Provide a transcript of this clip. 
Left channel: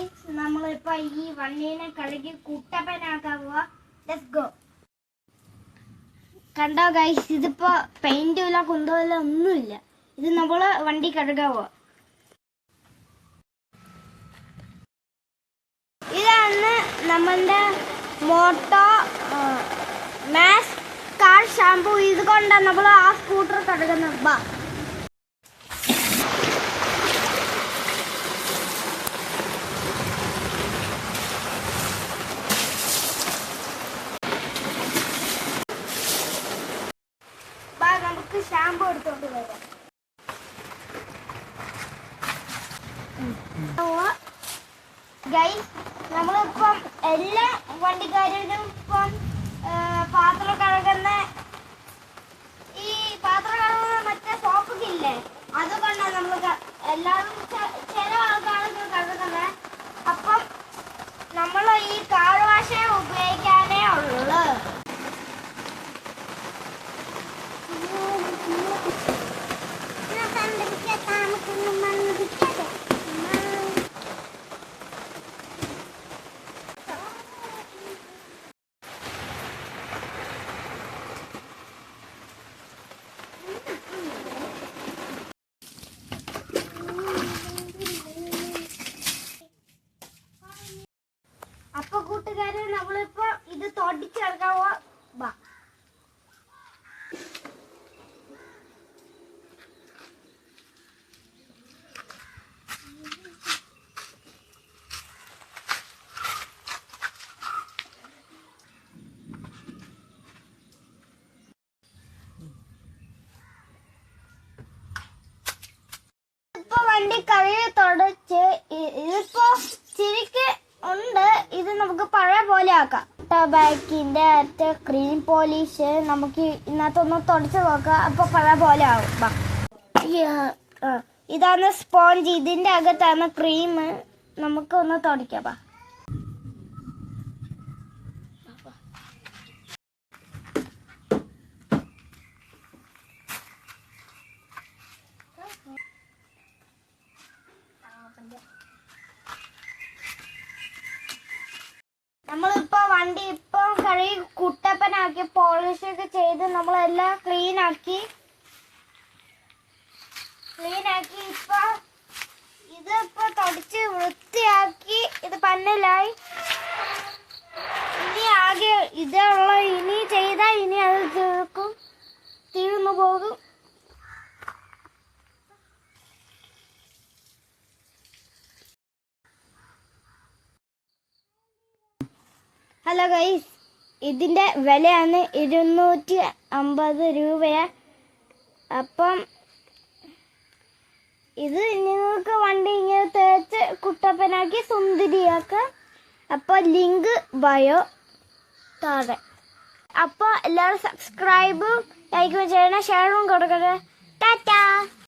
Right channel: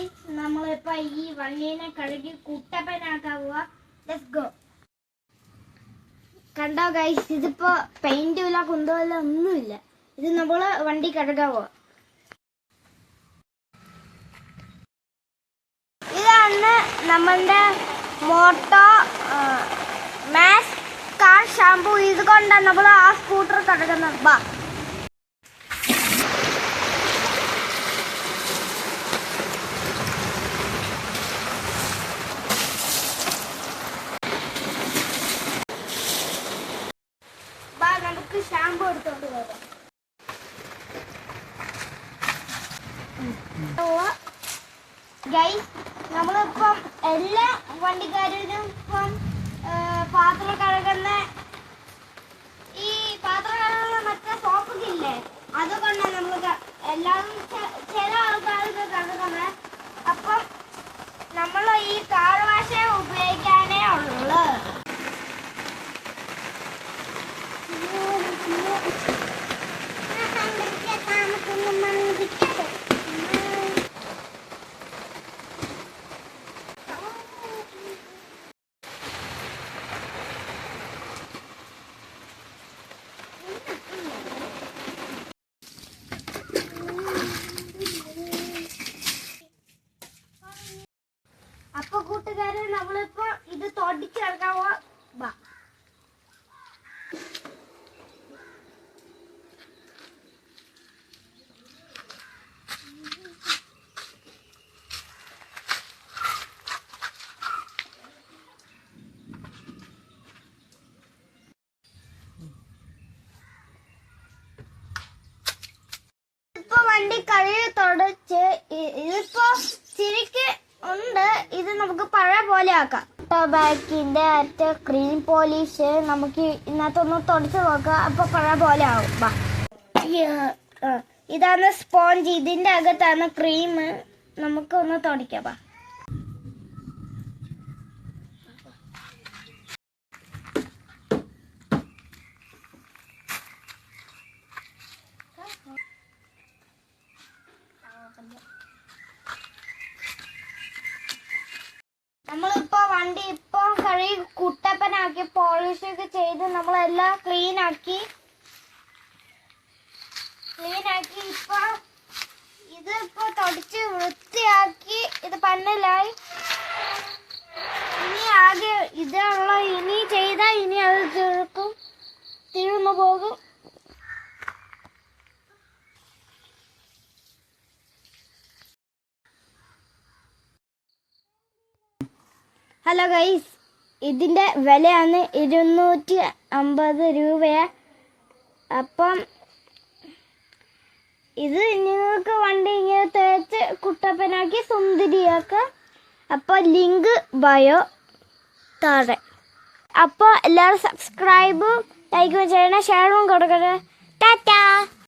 Guys, നമ്മളിപ്പോ ഈ വണ്ടീനെ കഴുകി കുട്ടപ്പനാക്കാൻ പോവാ. Let's go. കണ്ടോ ഗൈസ്, ഇതിപ്പോ പെയിന്റും ഇല്ല കുന്തമില്ല ഒന്നുമില്ല. ഇത് നമ്മള് വണ്ടി കഴുകാൻ പോവാ. ഇതാണ് നമ്മളുടെ മോട്ടോ മാക്സ് കാർ ഷാമ്പു. ഇത് കൊണ്ടാണ് നമ്മൾ ആ സ്കൂട്ടർ കഴുകുന്നത്. ബാ നമുക്ക് ഷാമ്പു എടുത്തോണ്ട് വരാം. ഗൈസ്, നമ്മളിപ്പം എല്ലാ വണ്ടിക്കാരും ഇപ്പം പാത്രം കഴുകുന്ന മറ്റേ സോപ്പൊക്കെ ഇല്ലേ, അതുകൊണ്ടാണ് നമ്മൾ എല്ലാവരും ചില ആൾക്കാർക്ക് കഴുകുന്നത്. അപ്പം നമ്മൾ ഈ കാർ വാഷ് ഉപയോഗിക്കാനേ ഉള്ളു. അപ്പൊ കൂട്ടുകാരെ, നമ്മളിപ്പോ ഇത് തൊടിച്ചെടുക്കാവോ. ബാ വണ്ടി കഴുകി തുടച്ച് ഇതിപ്പോ ചിരിക്ക് ഉണ്ട്. ഇത് നമുക്ക് പഴയ പോലെ ആക്കാം. ബാക്കിന്റെ അറ്റ ക്രീം പോളിഷ് നമുക്ക് ഇതിനകത്തൊന്ന് തുടച്ച് നോക്കാം. അപ്പൊ പഴയ പോലെ ആവും. ഇതാണ് സ്പോഞ്ച്. ഇതിന്റെ അകത്താണ് ക്രീം. നമുക്ക് ഒന്ന് തുടയ്ക്കാം. നമ്മളിപ്പോ വണ്ടി ഇപ്പൊ കഴുകി കുട്ടപ്പനാക്കി പോളിഷ് ഒക്കെ ചെയ്ത് നമ്മളെല്ലാം ക്ലീൻ ആക്കി ഇപ്പൊ ഇതിപ്പോ തുടച്ച് വൃത്തിയാക്കി ഇത് പന്നലായി. ഇനി ആകെ ഇതുള്ള ഇനി ചെയ്താൽ ഇനി അത് തീർന്നു പോകും. ഹലോ ഗൈസ്, ഇതിന്റെ വിലയാണ് 250 രൂപയാ. അപ്പം ഇത് നിങ്ങൾക്ക് വണ്ടി ഇങ്ങനെ തേച്ച് കുട്ടപ്പനാക്കി സുന്ദരിയാക്കാം. അപ്പോൾ ലിങ്ക് ബയോ താഴെ. അപ്പോൾ എല്ലാവരും സബ്സ്ക്രൈബും ലൈക്കും ചെയ്യണം, ഷെയറും കൊടുക്കട്ടെ. ടാറ്റാ.